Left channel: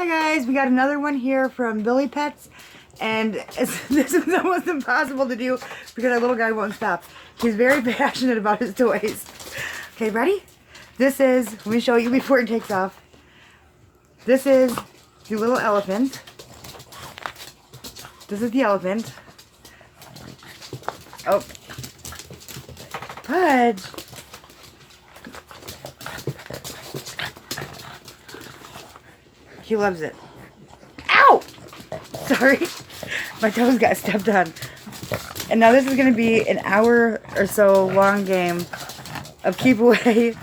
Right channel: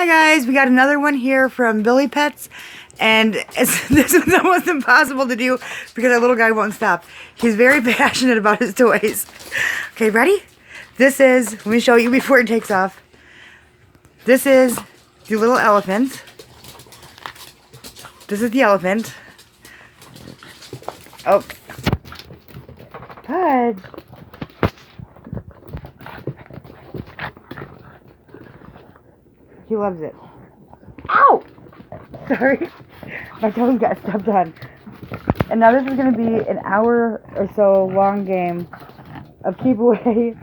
Hi guys, we got another one here from Billipets, and this was almost impossible to do because our little guy won't stop. He's very passionate about his toys. Okay, ready? This is, let me show you before it takes off. This is the little elephant. This is the elephant. Oh. Pudge. He loves it. Ow! Sorry. My toes got stepped on. And now this is going to be an hour or so long game of keep away.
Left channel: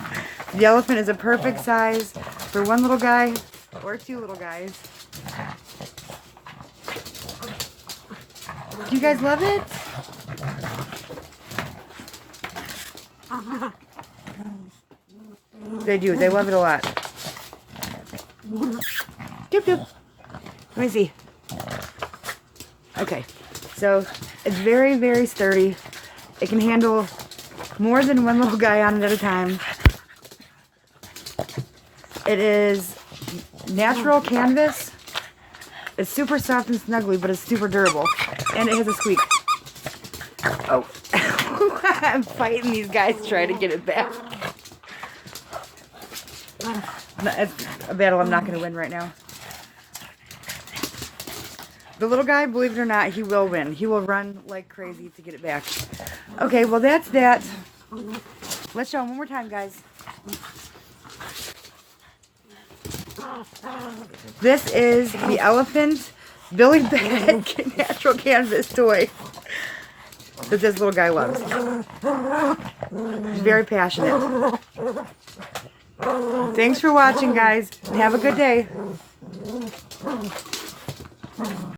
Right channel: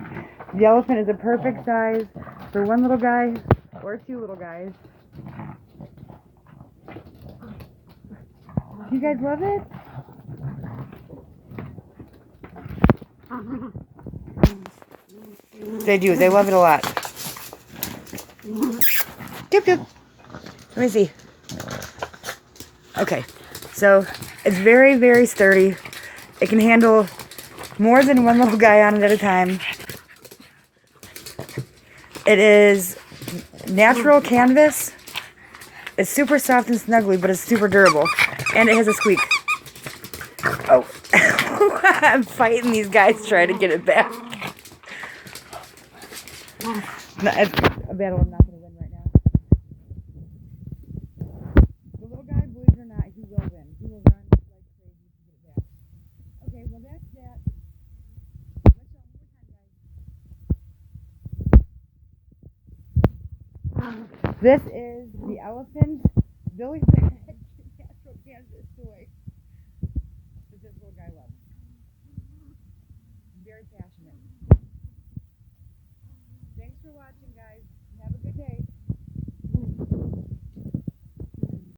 The elephant is a perfect size for one little guy or two little guys. Do you guys love it? They do. They love it a lot. Doop doop. Let me see. Okay. So, it's very, very sturdy. It can handle more than one little guy on it at a time. It is natural canvas. It's super soft and snuggly, but it's super durable. And it has a squeak. Oh. I'm fighting these guys trying to get it back. No, it's a battle I'm not going to win right now. The little guy, believe it or not, he will win. He will run like crazy to get it back. Okay, well that's that. Let's show him one more time, guys. This is the elephant Billipets natural canvas toy that this little guy loves. He's very passionate. Thanks for watching, guys, and have a good day.